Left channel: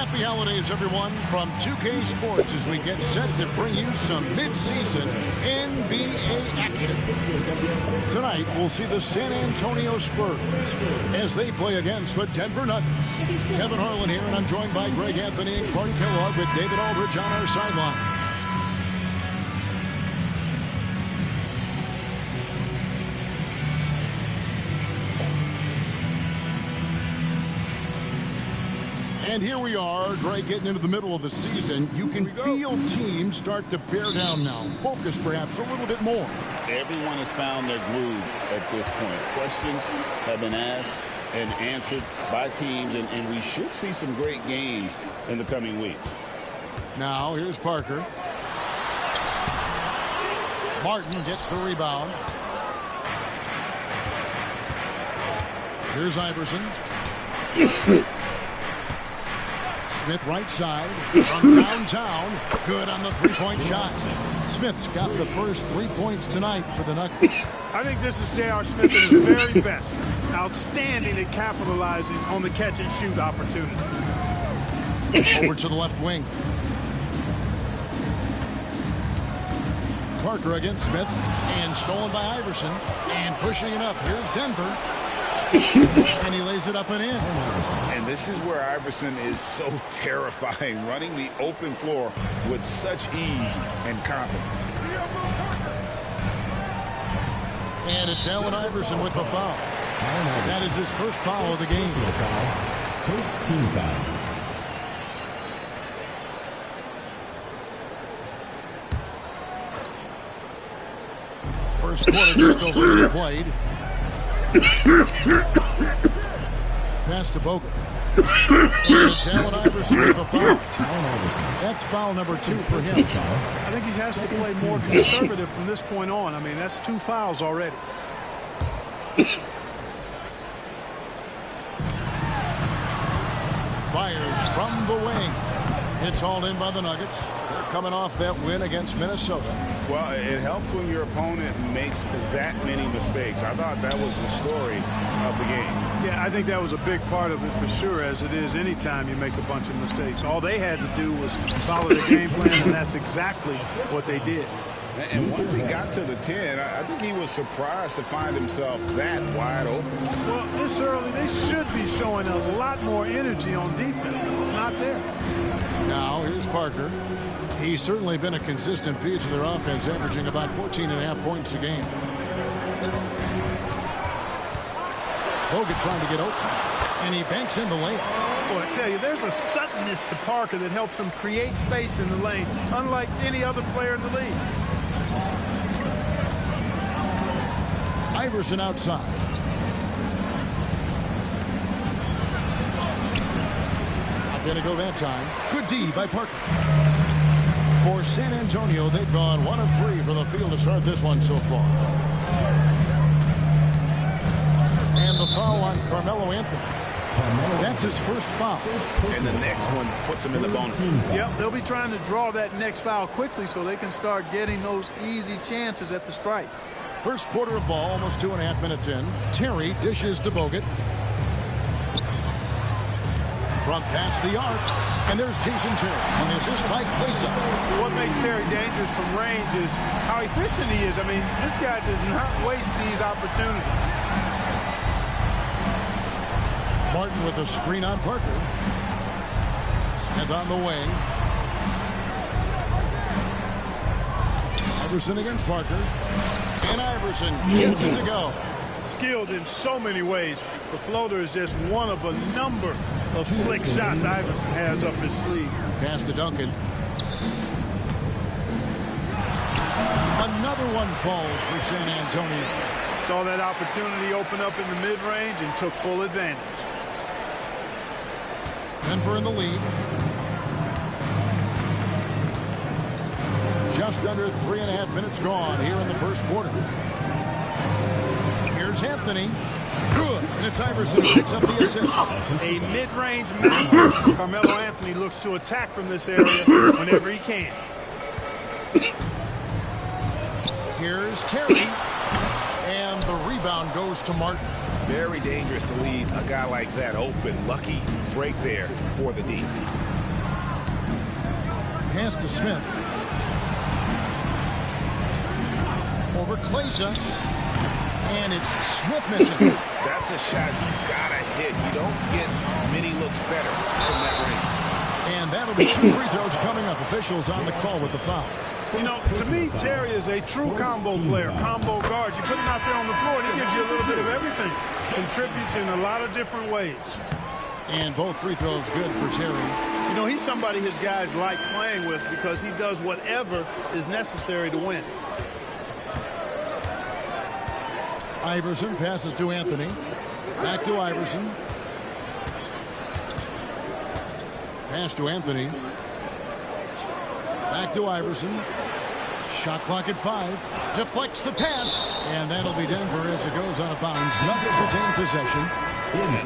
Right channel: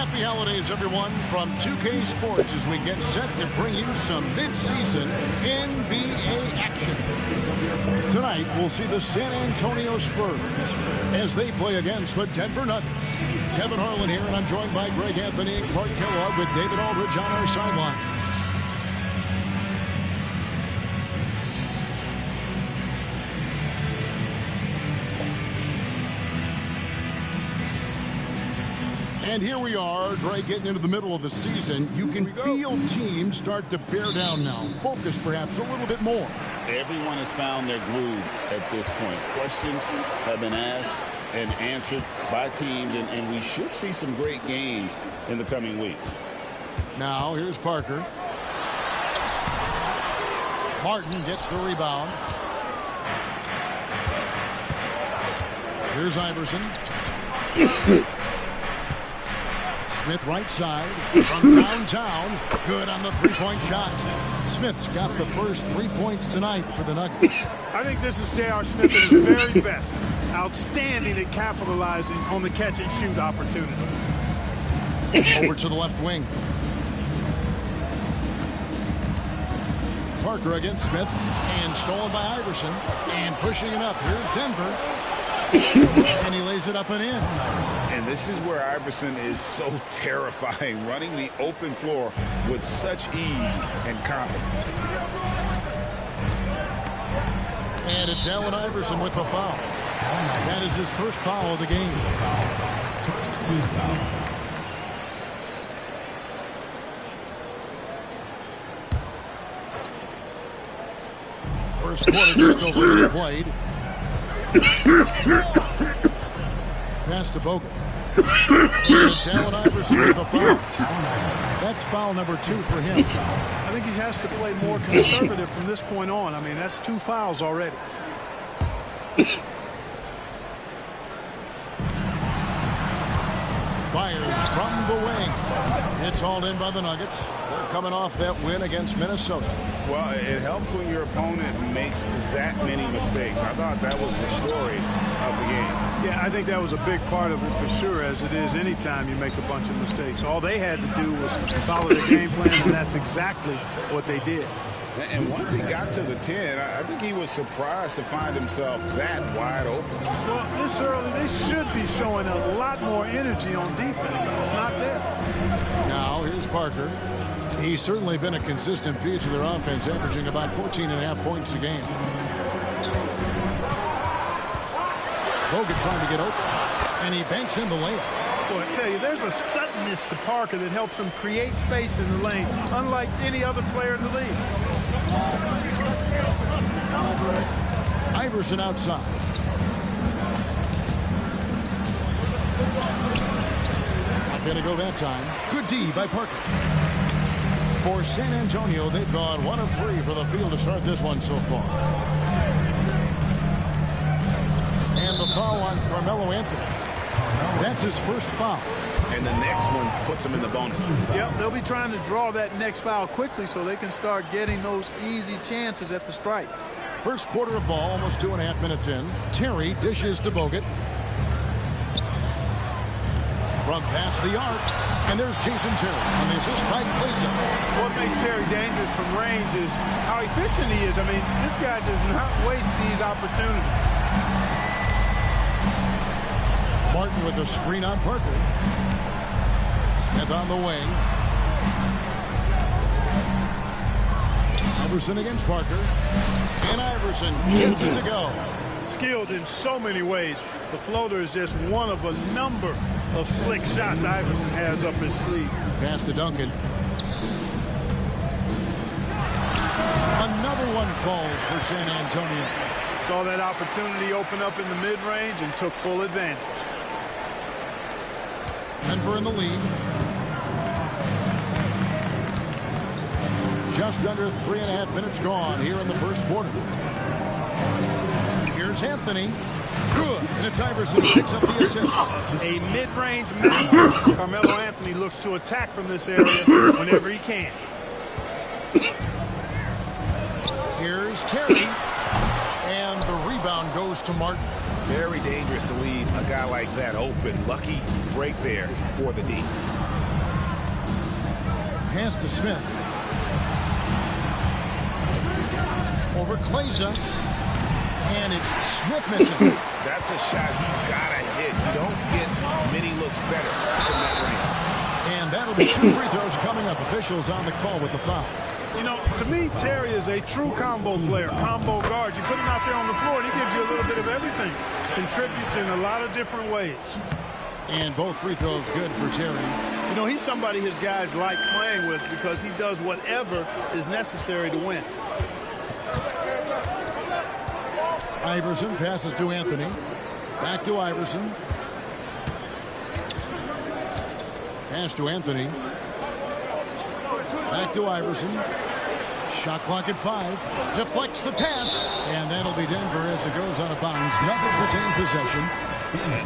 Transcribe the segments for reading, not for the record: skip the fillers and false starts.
Happy holidays, everyone, from 2K Sports as we get set to bring you some mid-season NBA action. Tonight, we'll see the San Antonio Spurs as they play against the Denver Nuggets. Kevin Harlan here, and I'm joined by Greg Anthony and Clark Kellogg with David Aldridge on our sideline. And here we are, Greg, getting into the middle of the season. You can feel teams start to bear down now. Focus perhaps a little bit more. Everyone has found their groove at this point. Questions have been asked and answered by teams, and we should see some great games in the coming weeks. Now, here's Parker. Martin gets the rebound. Here's Iverson. Smith right side from downtown. Good on the three-point shot. Smith's got the first 3 points tonight for the Nuggets. I think this is J.R. Smith at his very best. Outstanding at capitalizing on the catch-and-shoot opportunity. Over to the left wing. Parker against Smith. And stolen by Iverson. And pushing it up. Here's Denver. And he lays it up and in. And this is where Iverson is so terrifying, running the open floor with such ease and confidence. And it's Allen Iverson with the foul. That is his first foul of the game. First team foul. First quarter just over a minute played. Pass to Bogut. And it's Allen Iverson with the foul. That's foul number 2 for him. I think he has to play more conservative from this point on. I mean, that's 2 fouls already. Fires from the wing. It's hauled in by the Nuggets. They're coming off that win against Minnesota. Well, it helps when your opponent makes that many mistakes. I thought that was the story of the game. Yeah, I think that was a big part of it for sure, as it is anytime you make a bunch of mistakes. All they had to do was follow the game plan, and that's exactly what they did. And once he got to the 10, I think he was surprised to find himself that wide open. Well, this early, they should be showing a lot more energy on defense. It's not there. Now, here's Parker. He's certainly been a consistent piece of their offense, averaging about 14.5 points a game. Bogut trying to get open, and he banks in the layup. Boy, I tell you, there's a suddenness to Parker that helps him create space in the lane, unlike any other player in the league. Iverson outside. Not going to go that time. Good D by Parker. For San Antonio, they've gone 1 of 3 from the field to start this one so far. And the foul on Carmelo Anthony. That's his first foul. And the next one puts him in the bonus. Yep, they'll be trying to draw that next foul quickly so they can start getting those easy chances at the strike. First quarter of ball, almost 2.5 minutes in. Terry dishes to Bogut. From past the arc. And there's Jason Terry on the assist by Klesa. What makes Terry dangerous from range is how efficient he is. I mean, this guy does not waste these opportunities. Martin with a screen on Parker. Smith on the wing. Iverson against Parker. And Iverson gets it to go. Skilled in so many ways. The floater is just one of a number of slick shots Iverson has up his sleeve. Pass to Duncan. Another one falls for San Antonio. Saw that opportunity open up in the mid-range and took full advantage. Denver in the lead. Just under 3.5 minutes gone here in the first quarter. Here's Anthony. Good. And it's Iverson who picks up the assist. A mid-range massive. Carmelo Anthony looks to attack from this area whenever he can. Here's Terry. And the rebound goes to Martin. Very dangerous to leave a guy like that open. Lucky break there for the D. Pass to Smith. Over Kleza. And it's Smith missing. That's a shot he's got to hit. You don't get many looks better from that range. And that'll be 2 free throws coming up. Officials on the call with the foul. You know, to me, Terry is a true combo player, combo guard. You put him out there on the floor, and he gives you a little bit of everything. Contributes in a lot of different ways. And both free throws good for Terry. You know, he's somebody his guys like playing with because he does whatever is necessary to win. Iverson passes to Anthony. Back to Iverson. Pass to Anthony. Back to Iverson. Shot clock at 5. Deflects the pass. And that'll be Denver as it goes out of bounds. Nuggets retain possession.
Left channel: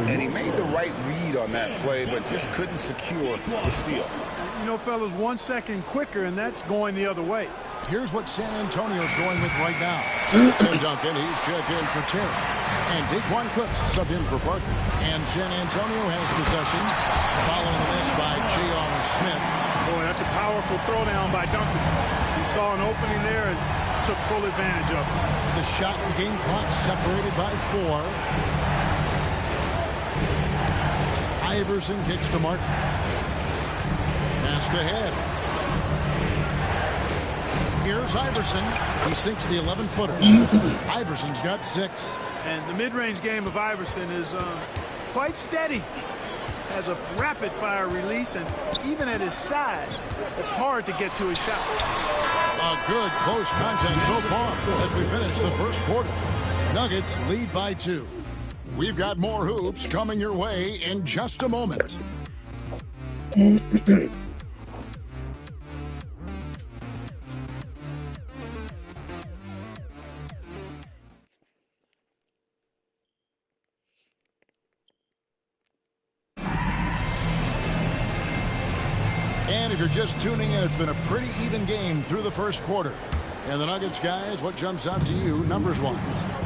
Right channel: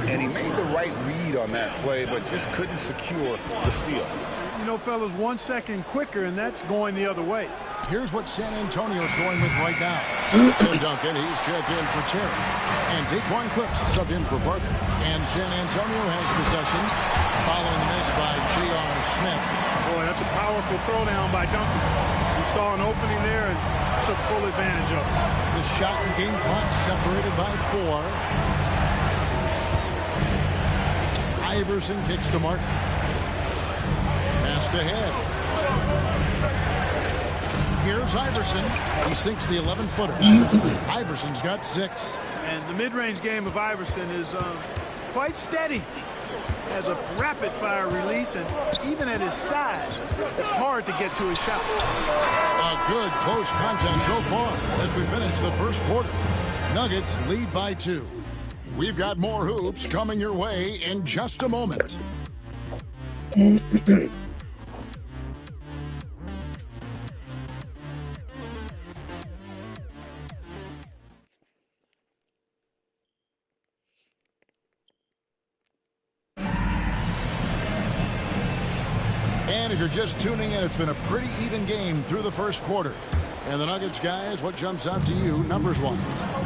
And he made the right read on that play, but just couldn't secure the steal. You know, fellas, 1 second quicker, and that's going the other way. Here's what San Antonio's going with right now. Tim Duncan, he's checked in for Terry. And Daquan Cooks subbed in for Parker. And San Antonio has possession following the miss by J.R. Smith. Boy, that's a powerful throwdown by Duncan. He saw an opening there and took full advantage of it. The shot and game clock separated by 4. Iverson kicks to Martin. Passed ahead. Here's Iverson. He sinks the 11-footer. Iverson's got 6. And the mid-range game of Iverson is quite steady. Has a rapid-fire release, and even at his size, it's hard to get to his shot. A good close contest so far as we finish the first quarter. Nuggets lead by 2. We've got more hoops coming your way in just a moment. And if you're just tuning in, it's been a pretty even game through the first quarter. And the Nuggets, guys, what jumps out to you numbers-wise?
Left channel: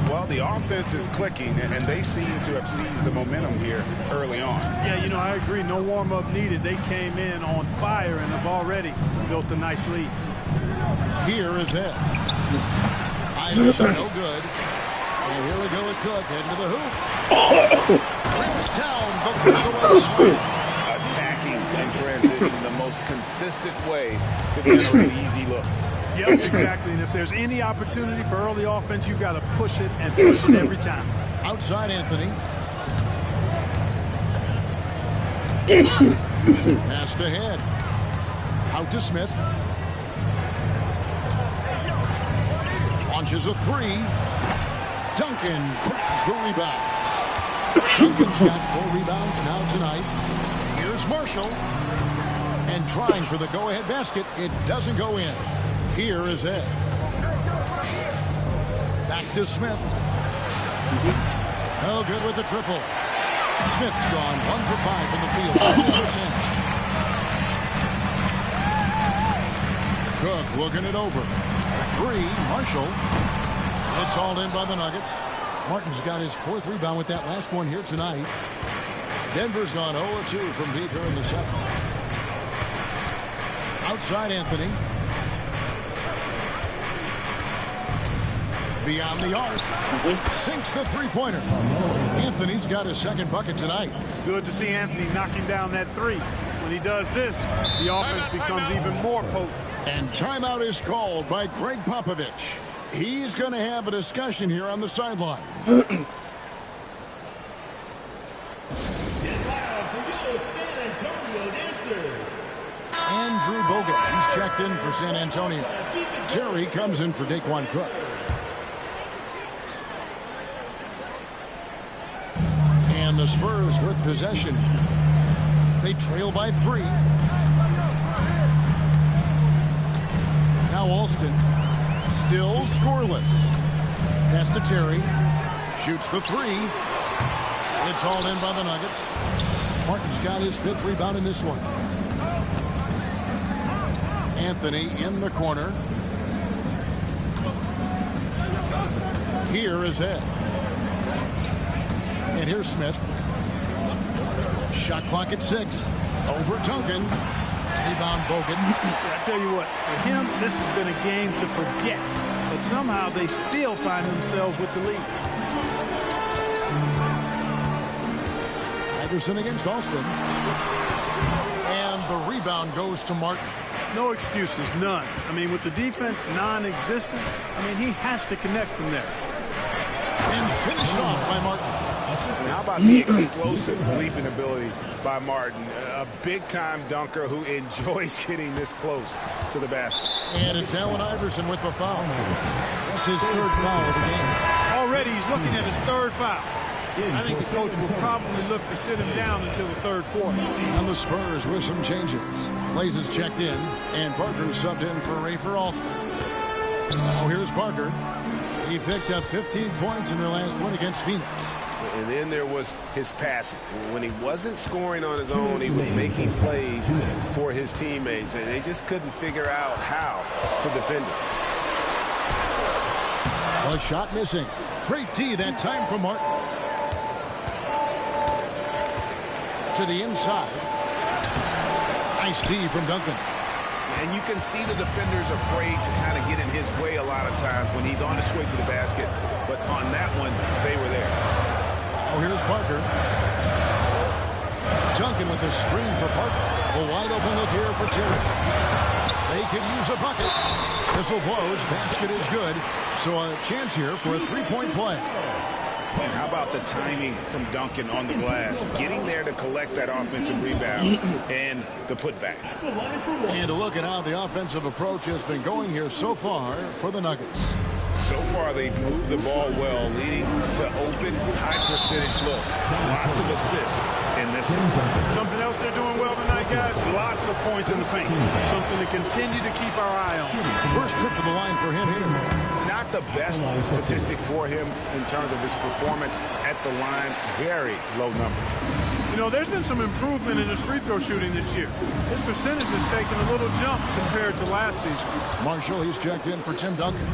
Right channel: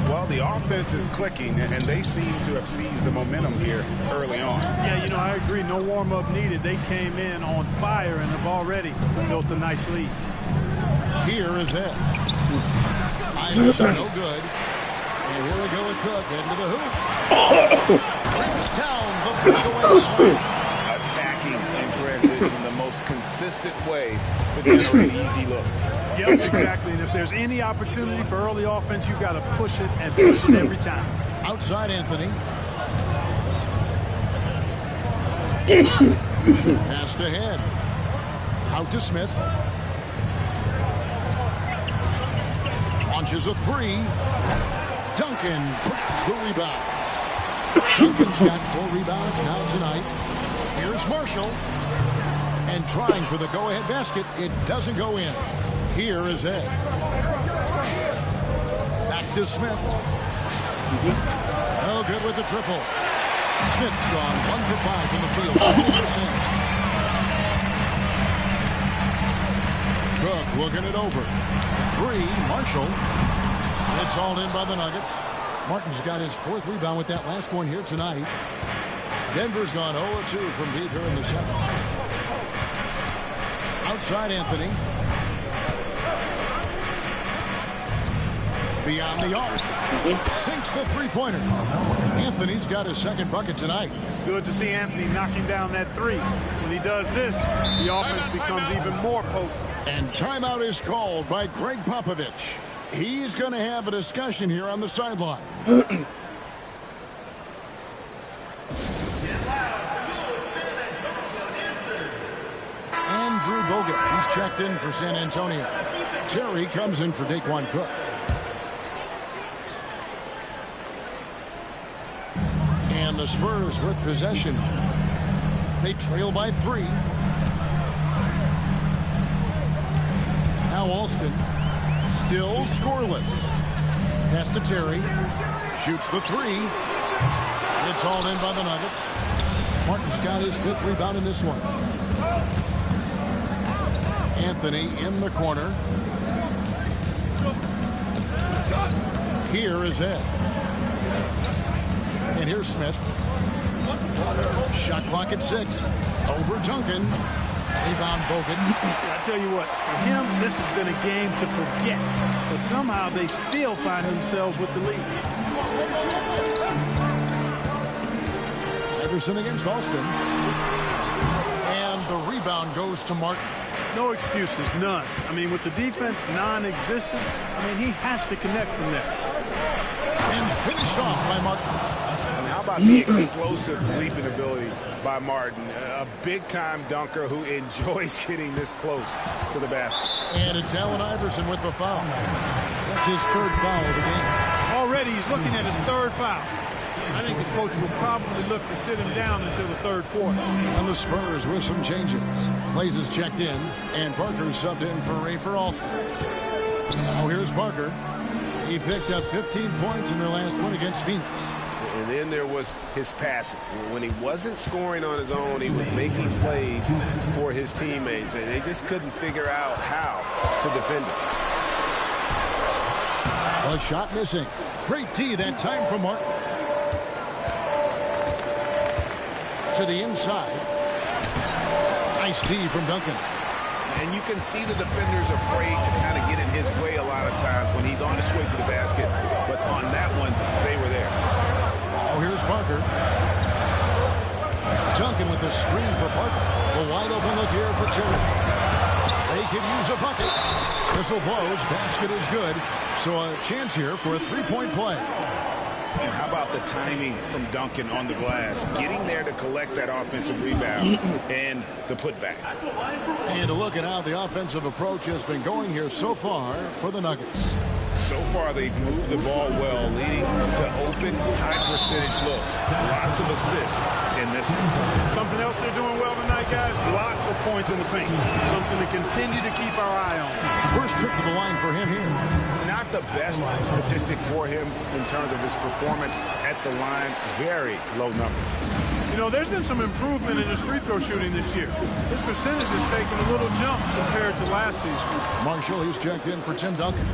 Well, the offense is clicking, and they seem to have seized the momentum here early on. Yeah, you know, I agree. No warm-up needed. They came in on fire and have already built a nice lead. Here is Ed. Iverson, no good. And here we go with Cook heading to the hoop. Rips down the breakaway slam. Attacking in transition, the most consistent way to generate easy looks. Yep, exactly. And if there's any opportunity for early offense, you've got to push it and push it every time. Outside Anthony. Passed ahead. Out to Smith. Launches a 3. Duncan grabs the rebound. Duncan's got 4 rebounds now tonight. Here's Marshall. And trying for the go-ahead basket. It doesn't go in. Here is Ed. Back to Smith. No good with the triple. Smith's gone 1 for 5 from the field. 20%. Cook looking it over. A 3. Marshall. It's hauled in by the Nuggets. Martin's got his 4th rebound with that last one here tonight. Denver's gone 0-2 from deep here in the second. Outside Anthony. Beyond the arc. Sinks the three-pointer. Anthony's got his 2nd bucket tonight. Good to see Anthony knocking down that 3. When he does this, the offense becomes even more potent. And timeout is called by Greg Popovich. He's going to have a discussion here on the sidelines. Andrew Bogut, he's checked in for San Antonio. Terry comes in for Daquan Cook. And the Spurs with possession. They trail by 3. Now Alston. Still scoreless. Pass to Terry. Shoots the 3. It's hauled in by the Nuggets. Martin's got his 5th rebound in this one. Anthony in the corner. Here is Ed. And here's Smith. Shot clock at 6. Over Duncan. Rebound Bogut. I tell you what, for him, this has been a game to forget. But somehow they still find themselves with the lead. Iverson against Alston. And the rebound goes to Martin. No excuses, none. I mean, with the defense non-existent, I mean, he has to connect from there. And finished off by Martin. And how about the explosive leaping ability by Martin? A big-time dunker who enjoys getting this close to the basket. And it's Allen Iverson with the foul. That's his third foul of the game. Already he's looking at his third foul. I think the coach will probably look to sit him down until the third quarter. And the Spurs with some changes. Clays is checked in, and Parker subbed in for Rafer Alston. Now here's Parker. He picked up 15 points in their last one against Phoenix. And then there was his passing. When he wasn't scoring on his own, he was making plays for his teammates, and they just couldn't figure out how to defend him. A shot missing. Great D that time from Martin. To the inside. Nice D from Duncan. And you can see the defenders afraid to kind of get in his way a lot of times when he's on his way to the basket. But on that one, they were there. Oh, here's Parker. Duncan with the screen for Parker. A wide open look here for Terry. They could use a bucket. Whistle blows. Basket is good. So a chance here for a three-point play. And how about the timing from Duncan on the glass? Getting there to collect that offensive rebound and the putback. And to look at how the offensive approach has been going here so far for the Nuggets. So far, they've moved the ball well, leading to open, high-percentage looks. Lots of assists in this one. Something else they're doing well tonight, guys, lots of points in the paint. Something to continue to keep our eye on. First trip to the line for him here. Not the best statistic for him in terms of his performance at the line. Very low numbers. You know, there's been some improvement in his free throw shooting this year. His percentage has taken a little jump compared to last season. Marshall, he's checked in for Tim Duncan.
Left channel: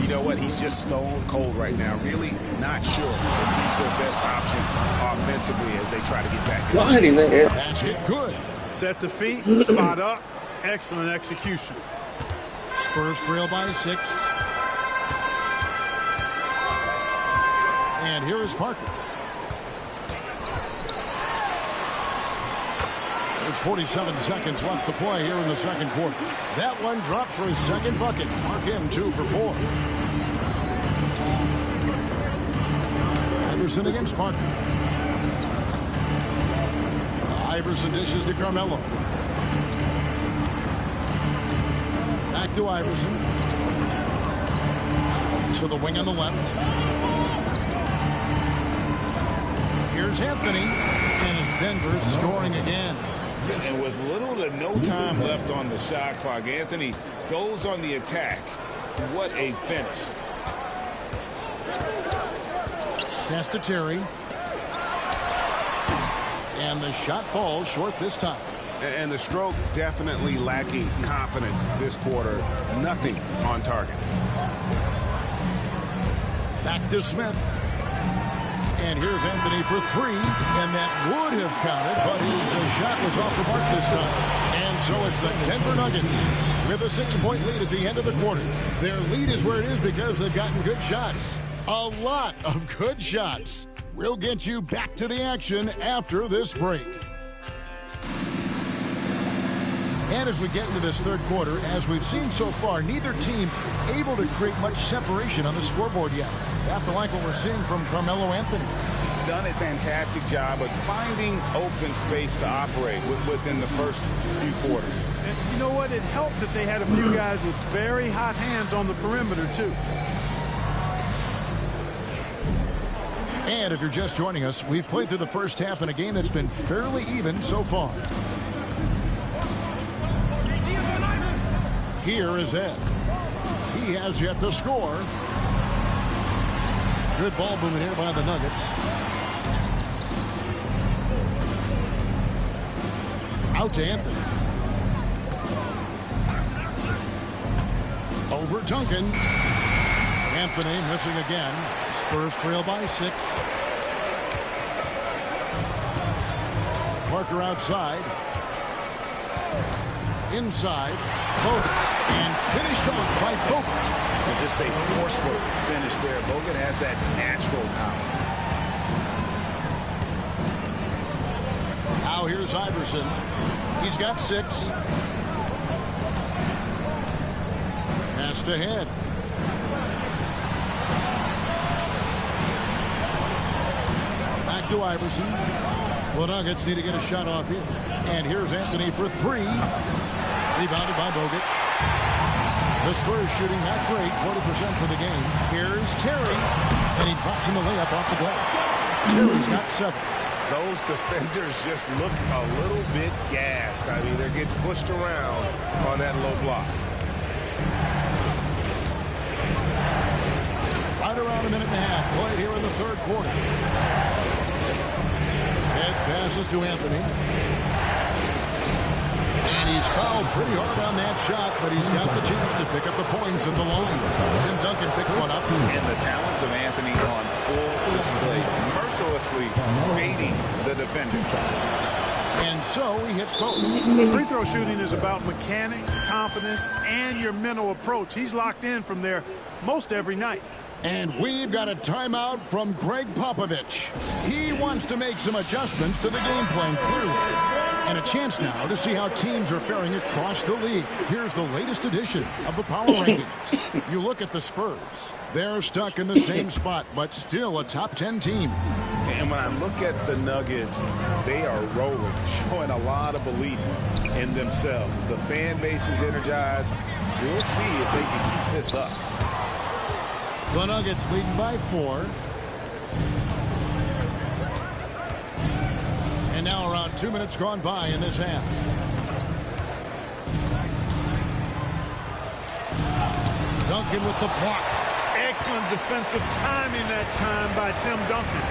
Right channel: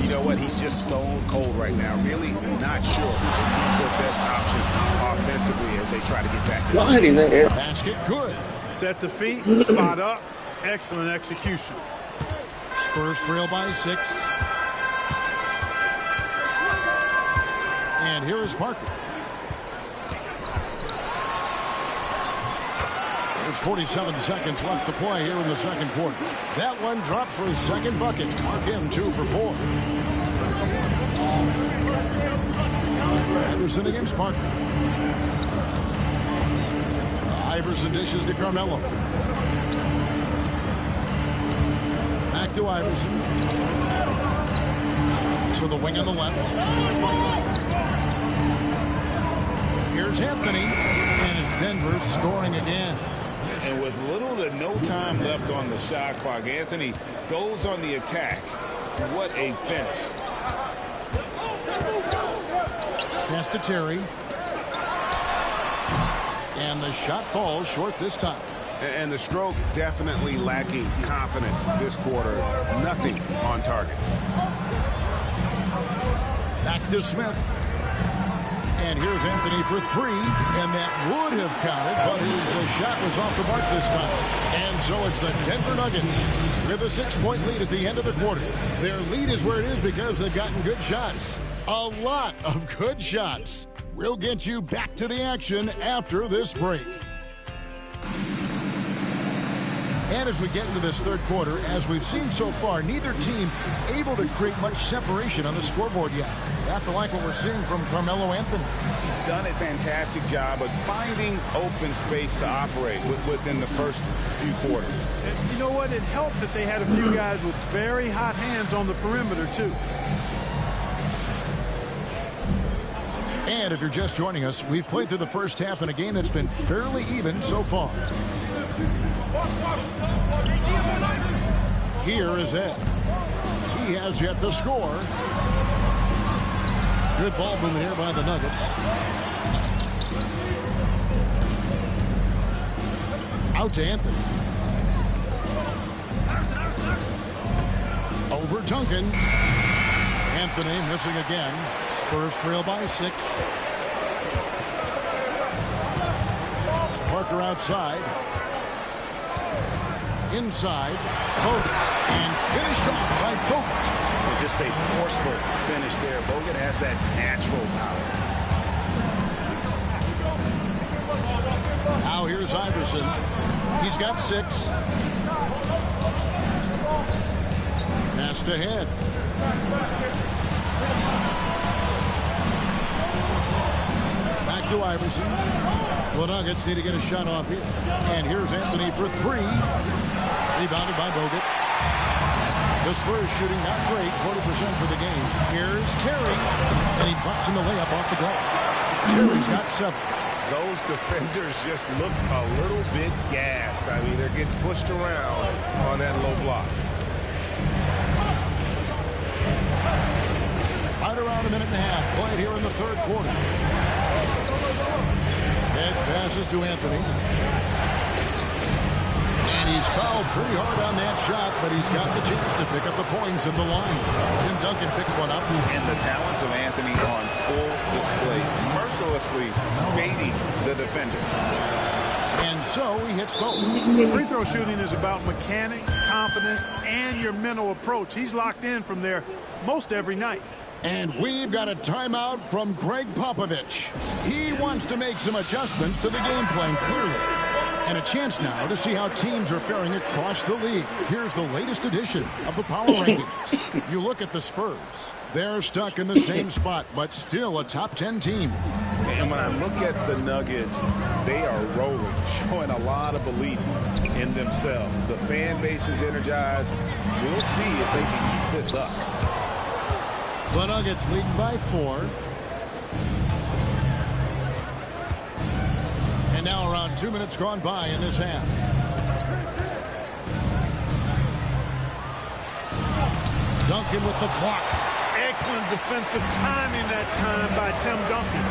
You know what? He's just stone cold right now. Really not sure if he's their best option offensively as they try to get back in. Basket good. Set the feet, spot up. Excellent execution. Spurs trail by 6. And here is Parker. There's 47 seconds left to play here in the second quarter. That one dropped for his second bucket. Mark him 2 for 4. Iverson against Parker. Iverson dishes to Carmelo. Back to Iverson. To the wing on the left. Here's Anthony. And it's Denver scoring again. And with little to no time left on the shot clock, Anthony goes on the attack. What a finish. Pass to Terry. And the shot falls short this time. And the stroke definitely lacking confidence this quarter. Nothing on target. Back to Smith. And here's Anthony for 3, and that would have counted, but his shot was off the mark this time. And so it's the Denver Nuggets with a 6-point lead at the end of the quarter. Their lead is where it is because they've gotten good shots. A lot of good shots. We'll get you back to the action after this break. And as we get into this third quarter, as we've seen so far, neither team able to create much separation on the scoreboard yet. You have to like what we're seeing from Carmelo Anthony. He's done a fantastic job of finding open space to operate within the first few quarters. And you know what? It helped that they had a few guys with very hot hands on the perimeter, too. And if you're just joining us, we've played through the first half in a game that's been fairly even so far. Here is Ed. He has yet to score. Good ball movement here by the Nuggets. Out to Anthony. Over Duncan. Anthony missing again. Spurs trail by 6. Parker outside. inside. Bogut, and finished off by Bogut. And just a forceful finish there. Bogut has that natural power. Now here's Iverson. He's got 6. Passed ahead. Back to Iverson. The Nuggets need to get a shot off here. And here's Anthony for 3. Rebounded by Bogut. The Spurs shooting not great, 40% for the game. Here's Terry. And he drops in the layup off the glass. Terry's got 7. Those defenders just look a little bit gassed. I mean, they're getting pushed around on that low block. Right around a minute and a half played here in the third quarter. Head passes to Anthony. And he's fouled pretty hard on that shot, but he's got the chance to pick up the points at the line. Tim Duncan picks one up. And the talents of Anthony on full display, mercilessly baiting the defender. And so he hits both. Free throw shooting is about mechanics, confidence, and your mental approach. He's locked in from there most every night. And we've got a timeout from Greg Popovich. He wants to make some adjustments to the game plan, clearly. And a chance now to see how teams are faring across the league. Here's the latest edition of the Power Rankings. You look at the Spurs. They're stuck in the same spot, but still a top 10 team. And when I look at the Nuggets, they are rolling, showing a lot of belief in themselves. The fan base is energized. We'll see if they can keep this up. The Nuggets leading by 4. And now around 2 minutes gone by in this half. Duncan with the block. Excellent defensive timing that time by Tim Duncan.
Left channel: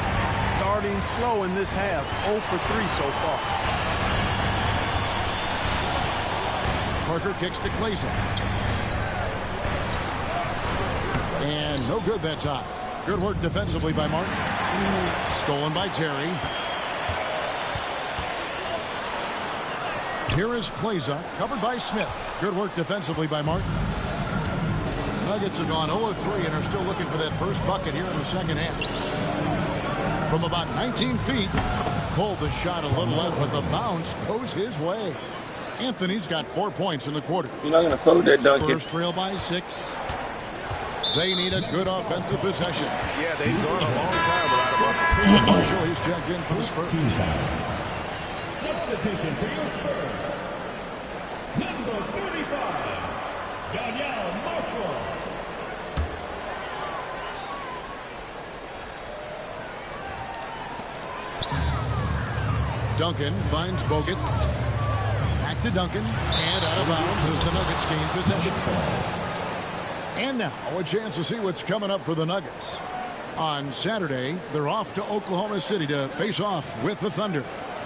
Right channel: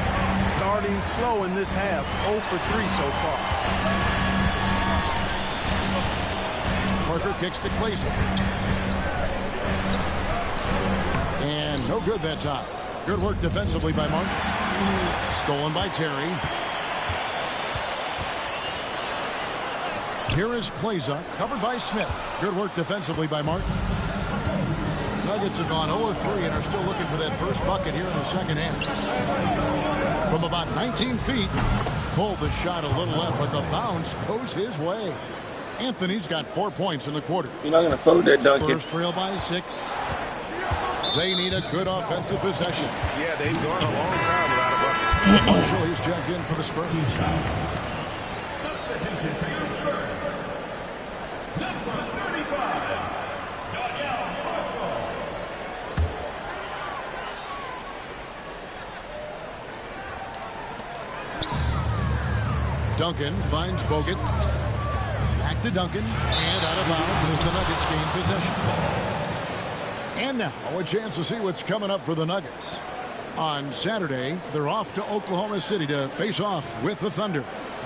Starting slow in this half, 0 for 3 so far. Parker kicks to Clayson. And no good that time. Good work defensively by Martin. Stolen by Terry. Here is Clayson, covered by Smith. Good work defensively by Martin. Nuggets have gone 0-3 and are still looking for that first bucket here in the second half. From about 19 feet, pulled the shot a little left, but the bounce goes his way. Anthony's got 4 points in the quarter. You're not going to fold that, Duncan. Spurs trail by 6. They need a good offensive possession. Yeah, they've gone a long time without a bucket. Marshall, he's checked in for the Spurs. Substitution for your Spurs. Number 35, Danielle Marshall. Duncan finds Bogut. Back to Duncan. And out of bounds as the Nuggets gain possession. And now a chance to see what's coming up for the Nuggets. On Saturday, they're off to Oklahoma City to face off with the Thunder.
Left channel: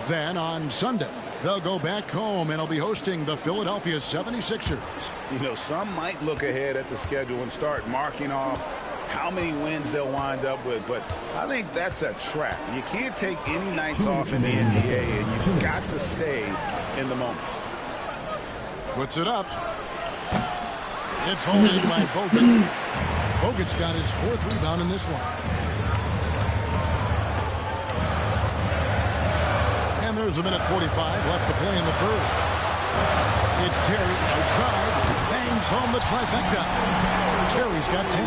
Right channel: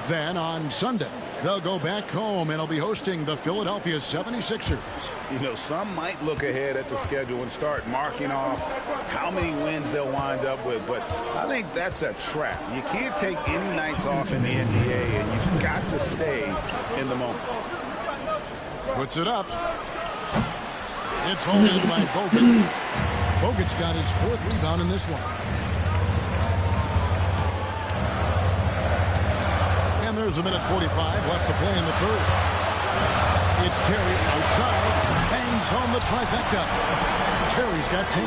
Then on Sunday, they'll go back home and will be hosting the Philadelphia 76ers. You know, some might look ahead at the schedule and start marking off how many wins they'll wind up with, but I think that's a trap. You can't take any nights off in the NBA, and you've got to stay in the moment. Puts it up. It's holding by Bogut. Bogut's got his 4th rebound in this one. And there's a minute 45 left to play in the third. It's Terry outside. Bangs home the trifecta. Terry's got 10.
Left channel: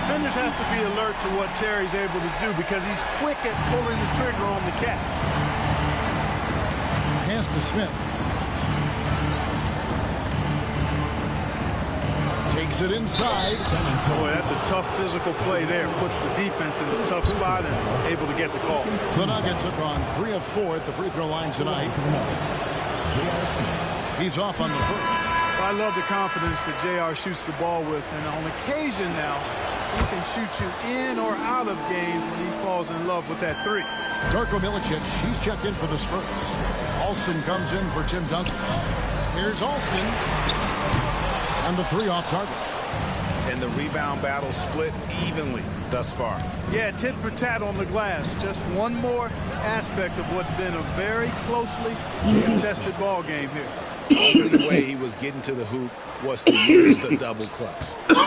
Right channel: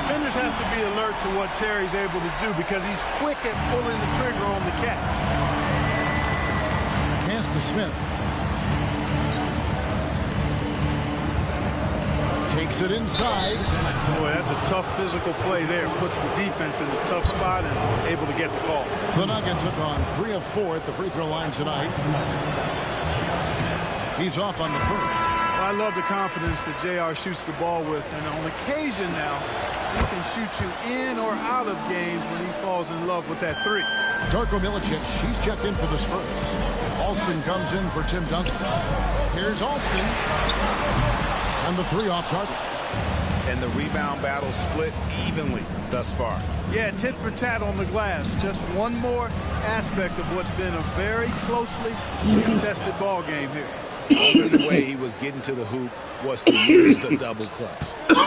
Defenders have to be alert to what Terry's able to do because he's quick at pulling the trigger on the catch. Pass to Smith. Takes it inside. Boy, that's a tough physical play there. Puts the defense in a tough spot and able to get the call. The Nuggets have gone 3 of 4 at the free throw line tonight. He's off on the first. Well, I love the confidence that JR shoots the ball with. And on occasion now, he can shoot you in or out of games when he falls in love with that 3. Darko Milicic, he's checked in for the Spurs. Alston comes in for Tim Duncan. Here's Alston. And the 3 off target. And the rebound battle split evenly thus far. Yeah, tit for tat on the glass. Just one more aspect of what's been a very closely contested ball game here. only way he was getting to the hoop was to use the double clutch.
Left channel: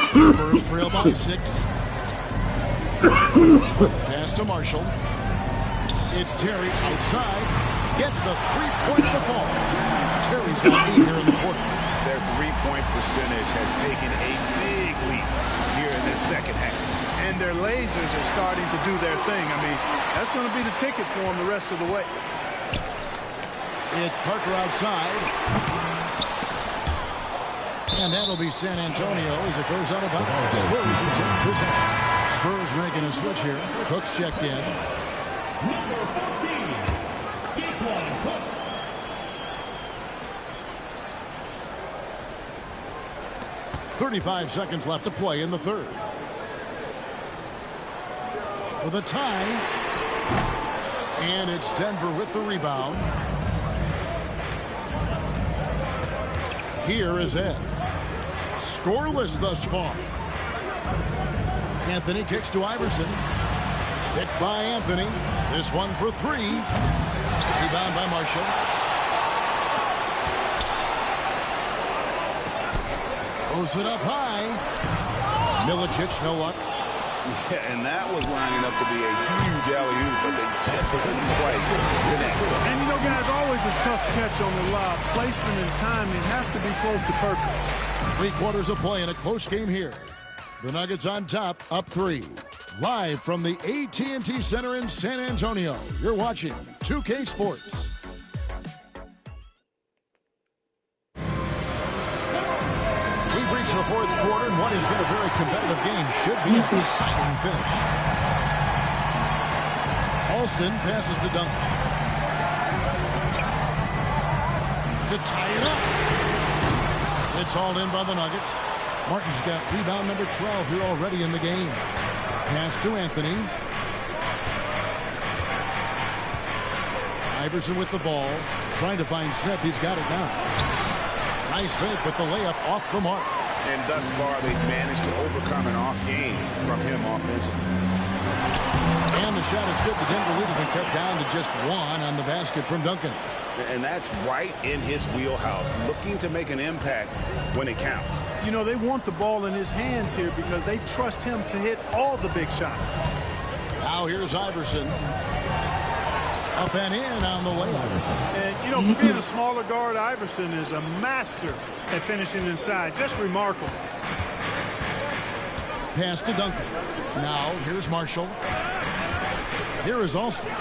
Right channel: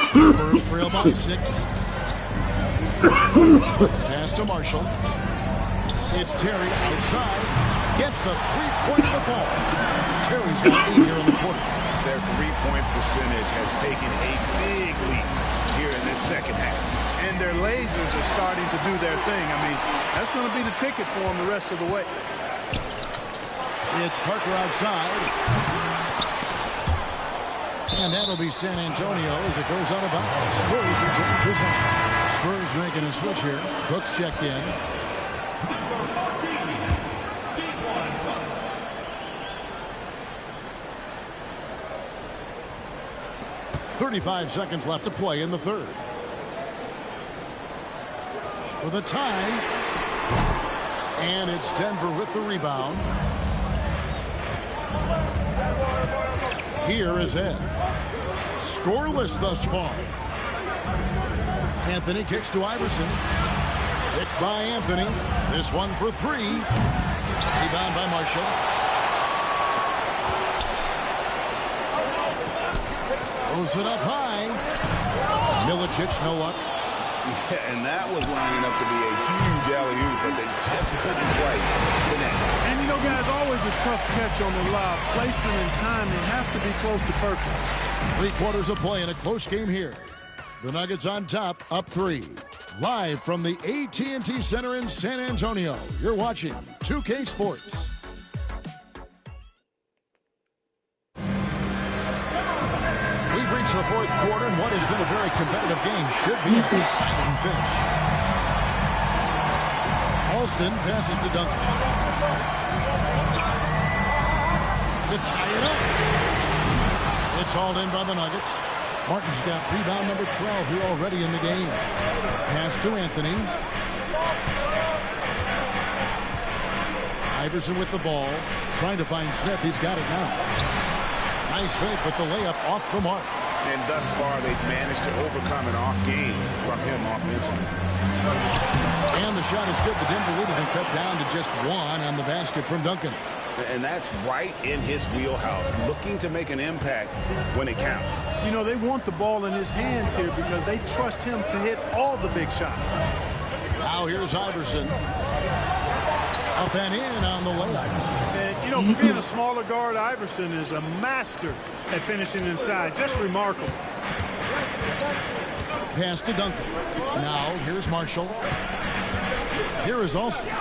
Spurs trail by 6. Pass to Marshall. It's Terry outside. Gets the three-point to fall. Terry's got 8 here in the quarter. Their three-point percentage has taken a big leap here in this second half. And their lasers are starting to do their thing. I mean, that's going to be the ticket for them the rest of the way. It's Parker outside. And that'll be San Antonio as it goes out of bounds. Spurs retain possession. Spurs making a switch here. Cook's checked in. Number 14, Dequan Cook. 35 seconds left to play in the third. For the tie. And it's Denver with the rebound. Here is Ed. Scoreless thus far. Anthony kicks to Iverson. Picked by Anthony. This one for 3. Rebound by Marshall. Throws it up high. Milicic, no luck. Yeah, and that was lining up to be a huge alley-oop, but they just couldn't quite connect. And, you know, guys, always a tough catch on the lob. Placement and timing have to be close to perfect. 3 quarters of play in a close game here. The Nuggets on top, up 3. Live from the AT&T Center in San Antonio, you're watching 2K Sports. We've reached the fourth quarter, and what has been a very competitive game should be an exciting finish. Alston passes to Duncan. To tie it up. It's hauled in by the Nuggets. Martin's got rebound number 12 here already in the game. Pass to Anthony. Iverson with the ball. Trying to find Smith. He's got it now. Nice fake, but the layup off the mark. And thus far, they've managed to overcome an off game from him offensively. And the shot is good. The Denver lead has been cut down to just 1 on the basket from Duncan. And that's right in his wheelhouse, looking to make an impact when it counts. You know, they want the ball in his hands here because they trust him to hit all the big shots. Now here's Iverson. Up and in on the layup. And, you know, for being a smaller guard, Iverson is a master at finishing inside. Just remarkable. Pass to Duncan. Now here's Marshall. Here is Alston.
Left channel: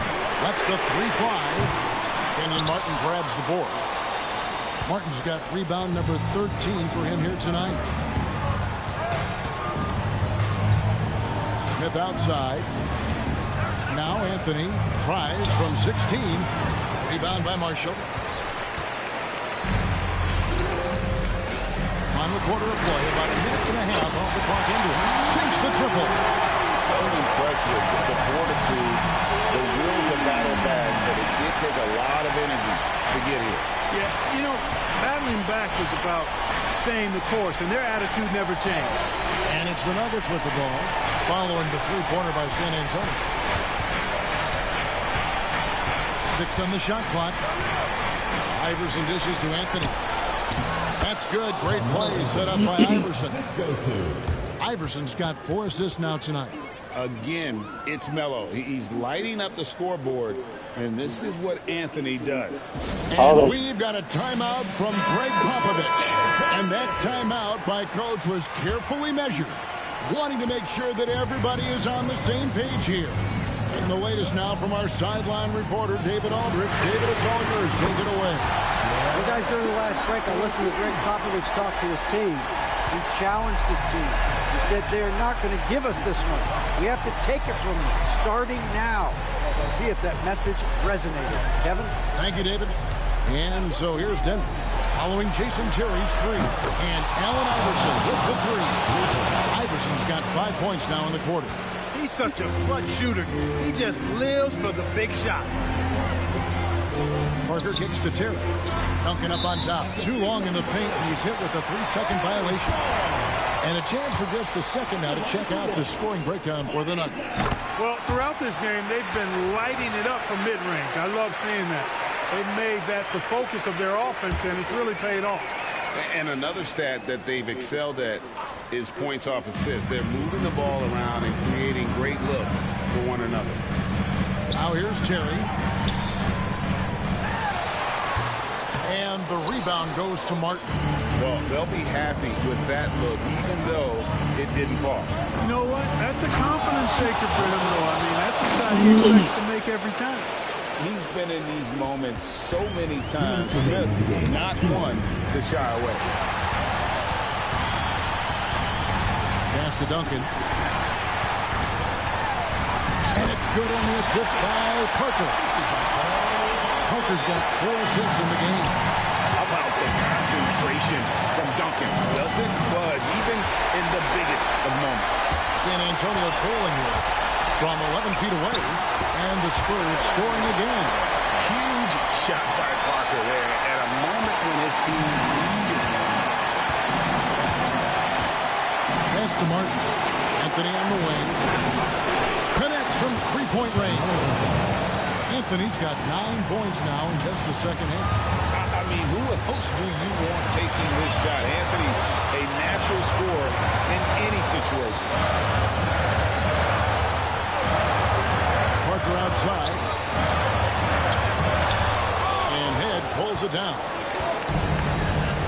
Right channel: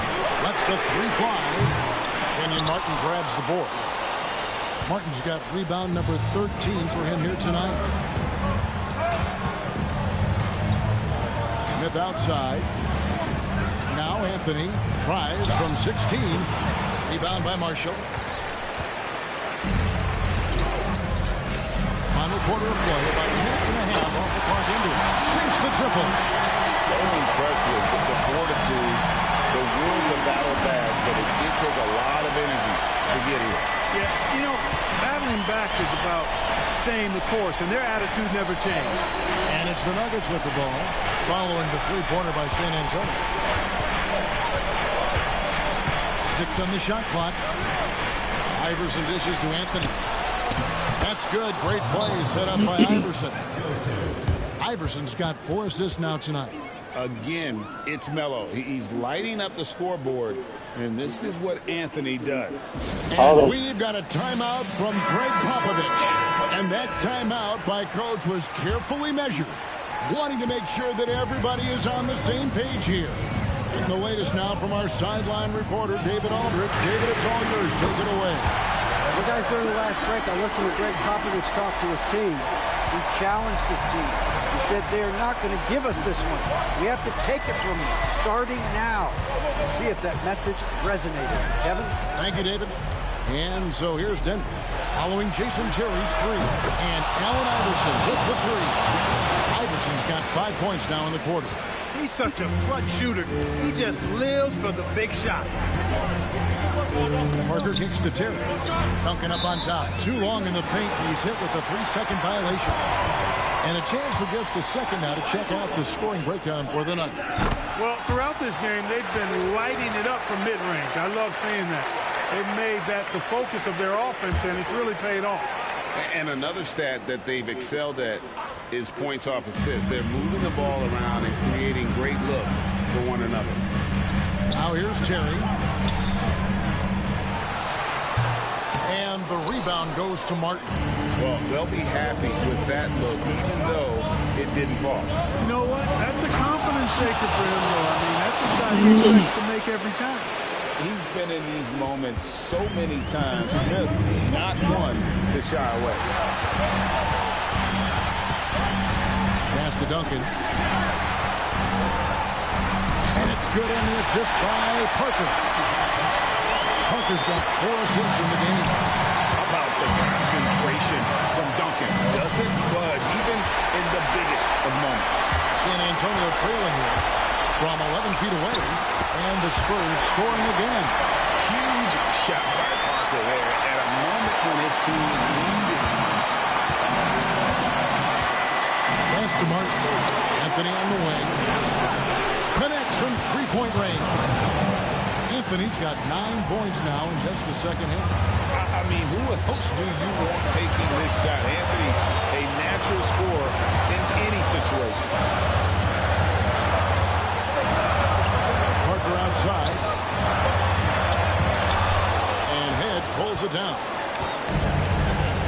Lets the 3 fly. Kenyon Martin grabs the board. Martin's got rebound number 13 for him here tonight. Smith outside. Now Anthony tries from 16. Rebound by Marshall. Final quarter of play, about a minute and a half off the clock into it. Sinks the triple. So impressive, the fortitude, the will to battle back, but it did take a lot of energy to get here. Yeah, you know, battling back is about staying the course, and their attitude never changed. And it's the Nuggets with the ball, following the three-pointer by San Antonio. 6 on the shot clock. Iverson dishes to Anthony. That's good. Great play set up by Iverson. Iverson's got 4 assists now tonight. Again, it's Melo. He's lighting up the scoreboard, and this is what Anthony does. And we've got a timeout from Greg Popovich. And that timeout by Coach was carefully measured, wanting to make sure that everybody is on the same page here. And the latest now from our sideline reporter, David Aldrich. David, it's all yours. Take it away. Well, guys, during the last break, I listened to Greg Popovich talk to his team. He challenged his team. He said they're not going to give us this one. We have to take it from them, starting now. We'll see if that message resonated. Kevin? Thank you, David. And so here's Denver, following Jason Terry's 3. And Allen Iverson with the 3. Iverson's got 5 points now in the quarter. He's such a clutch shooter. He just lives for the big shot. Parker kicks to Terry. Duncan up on top. Too long in the paint, and he's hit with a 3-second violation. And a chance for just a second now to check out the scoring breakdown for the Nuggets. Well, throughout this game, they've been lighting it up from mid-range. I love seeing that. They've made that the focus of their offense, and it's really paid off. And another stat that they've excelled at is points off assists. They're moving the ball around and creating great looks for one another. Now here's Terry. And the rebound goes to Martin. Well, they'll be happy with that look, even though it didn't fall. You know what? That's a confidence shaker for him, though. I mean, that's a shot he expects to make every time. He's been in these moments so many times. Smith, not one to shy away. Pass to Duncan. And it's good on the assist by Parker. Parker's got 4 assists in the game. How about the concentration from Duncan? Doesn't budge, even in the biggest of moments. San Antonio trailing here from 11 feet away. And the Spurs scoring again. Huge shot by Parker there at a moment when his team needed one. Pass to Martin. Anthony on the wing. Connects from three-point range. Anthony's got 9 points now in just the second half. I mean, who else do you want taking this shot? Anthony, a natural scorer in any situation. Parker outside. And Head pulls it down.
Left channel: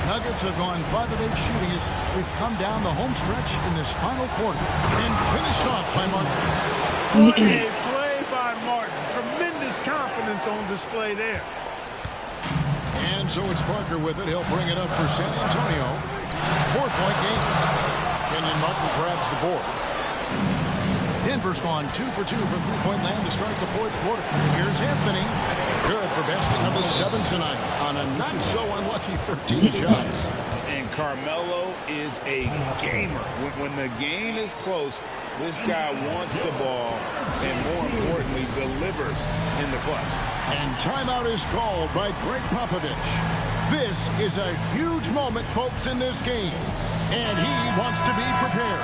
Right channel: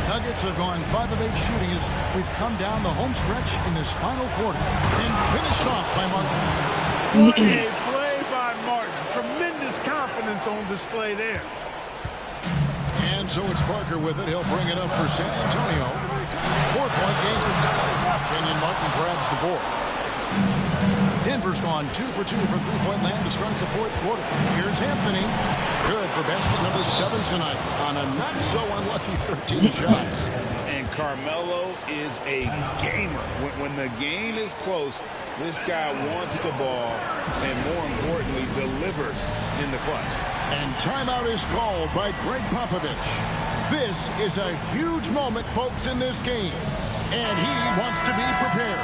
Nuggets have gone 5 of 8 shooting as we've come down the home stretch in this final quarter. And finished off by Martin. What a play by Martin. Tremendous confidence on display there. And so it's Parker with it. He'll bring it up for San Antonio. 4-point game. Kenyon Martin grabs the board. Denver's gone 2 for 2 from three-point land to start the fourth quarter. Here's Anthony. Good for basket number 7 tonight on a not-so-unlucky 13 shots. And Carmelo is a gamer. When the game is close, this guy wants the ball and, more importantly, delivers in the clutch. And timeout is called by Greg Popovich. This is a huge moment, folks, in this game. And he wants to be prepared.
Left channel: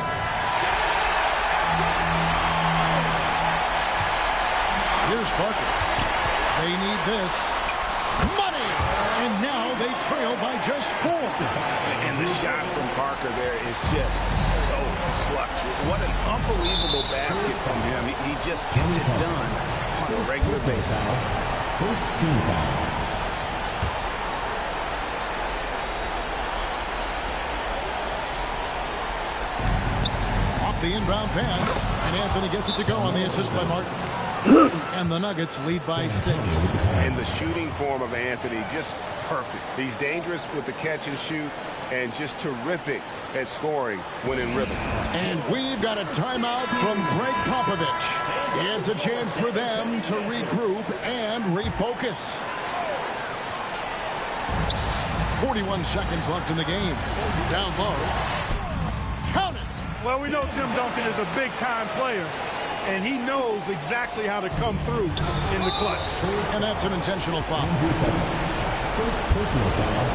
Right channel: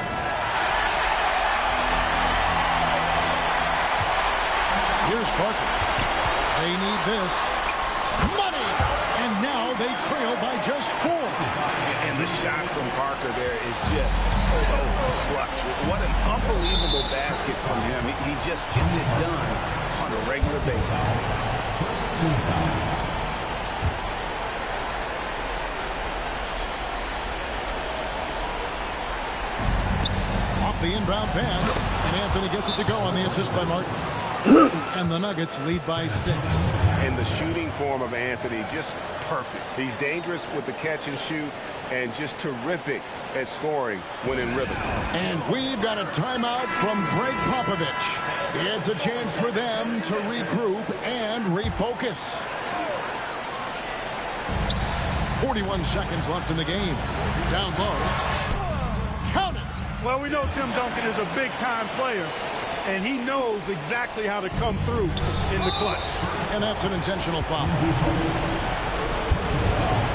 Here's Parker. They need this. Money! And now they trail by just 4. And the shot from Parker there is just so clutch. What an unbelievable basket from him. He just gets it done on a regular basis. First team foul. Off the inbound pass, and Anthony gets it to go on the assist by Martin. And the Nuggets lead by 6. And the shooting form of Anthony, just perfect. He's dangerous with the catch and shoot and just terrific at scoring when in rhythm. And we've got a timeout from Greg Popovich. It's a chance for them to regroup and refocus. 41 seconds left in the game. Down low. Count it! Well, we know Tim Duncan is a big-time player, and he knows exactly how to come through in the clutch. And that's an intentional foul. First personal foul.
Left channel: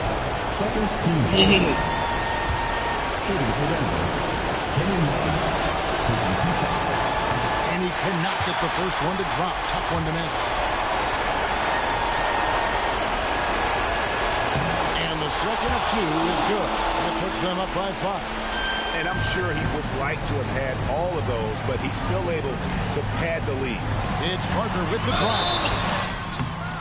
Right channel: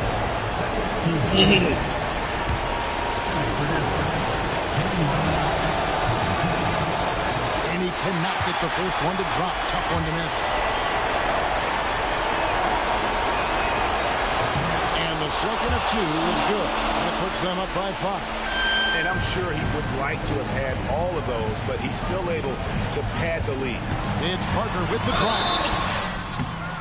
Second team foul. Shooting for Denver. Kenyon Martin. Taking 2 shots. And he cannot get the first one to drop. Tough one to miss. And the second of 2 is good. That puts them up by 5. And I'm sure he would like to have had all of those, but he's still able to pad the lead. It's Parker with the drive.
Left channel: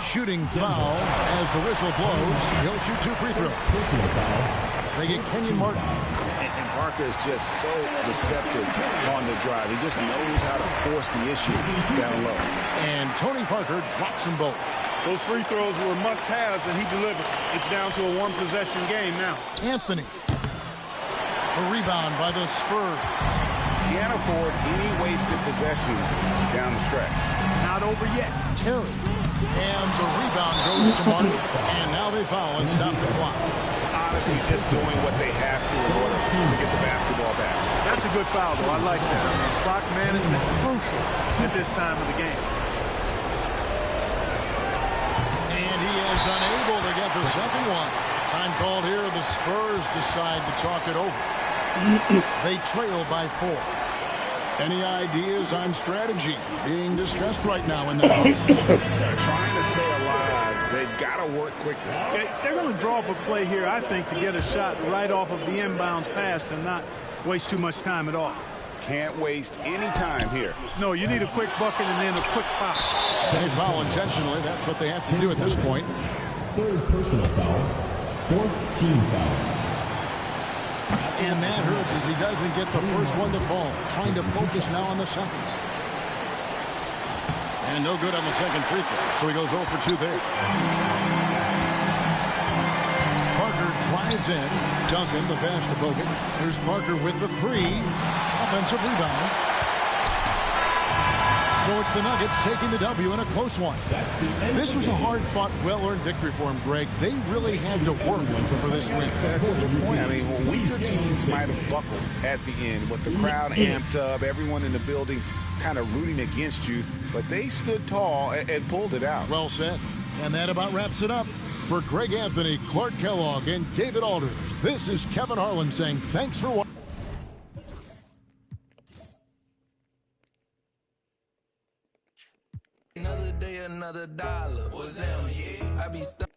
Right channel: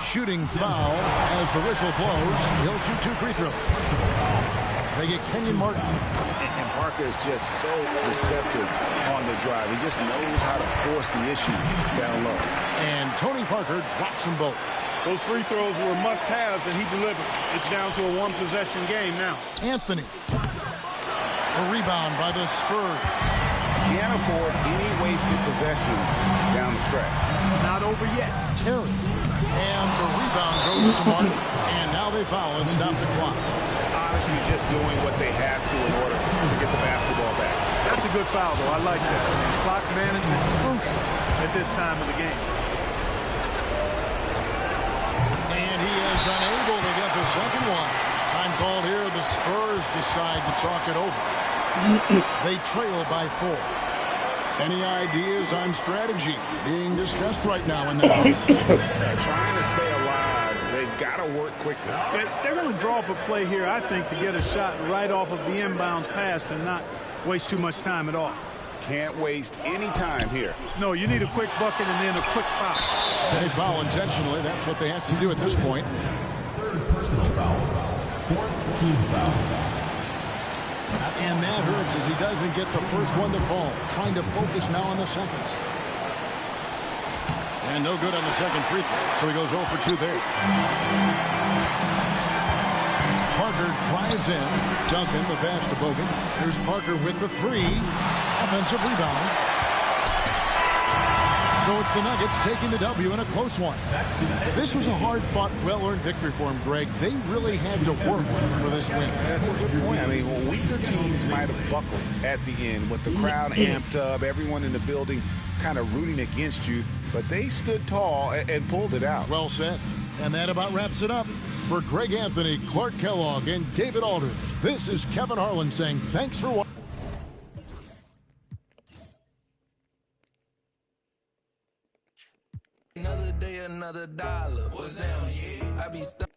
Shooting foul as the whistle blows. He'll shoot 2 free throws. Personal foul. They get Kenyon Martin. And Parker is just so receptive on the drive. He just knows how to force the issue down low. And Tony Parker drops them both. Those free throws were must-haves, and he delivered. It's down to a one-possession game now. Anthony. A rebound by the Spurs. Can't afford any wasted possessions down the stretch. It's not over yet. Terry. And the rebound goes to Martin. And now they foul and stop the clock. Honestly, just doing what they have to in order to get the basketball back. That's a good foul, though. I like that. I mean, clock management crucial at this time of the game. And he is unable to get the second one. Time called here. The Spurs decide to talk it over. They trail by 4. Any ideas on strategy being discussed right now in that? Trying to stay alive They've got to work quickly. They're going to draw up a play here, I think, to get a shot right off of the inbounds pass to not waste too much time at all. Can't waste any time here. No, you need a quick bucket and then a quick foul. They foul intentionally. That's what they have to do at this point. Third personal foul. Fourth team foul. And that hurts as he doesn't get the first one to fall. Trying to focus now on the seconds. And no good on the second free throw, so he goes 0 for 2 there. Parker drives in. Duncan, the pass to Bogut. Here's Parker with the 3. Offensive rebound. So it's the Nuggets taking the W in a close one. This was a hard-fought, well-earned victory for him, Greg. They really had to work for this win. That's a good point. I mean, weaker teams might have buckled at the end with the crowd amped up, everyone in the building kind of rooting against you, but they stood tall and pulled it out. Well said. And that about wraps it up. For Greg Anthony, Clark Kellogg, and David Aldridge, this is Kevin Harlan saying thanks for watching. Another day, another dollar. What's that? I be stuck.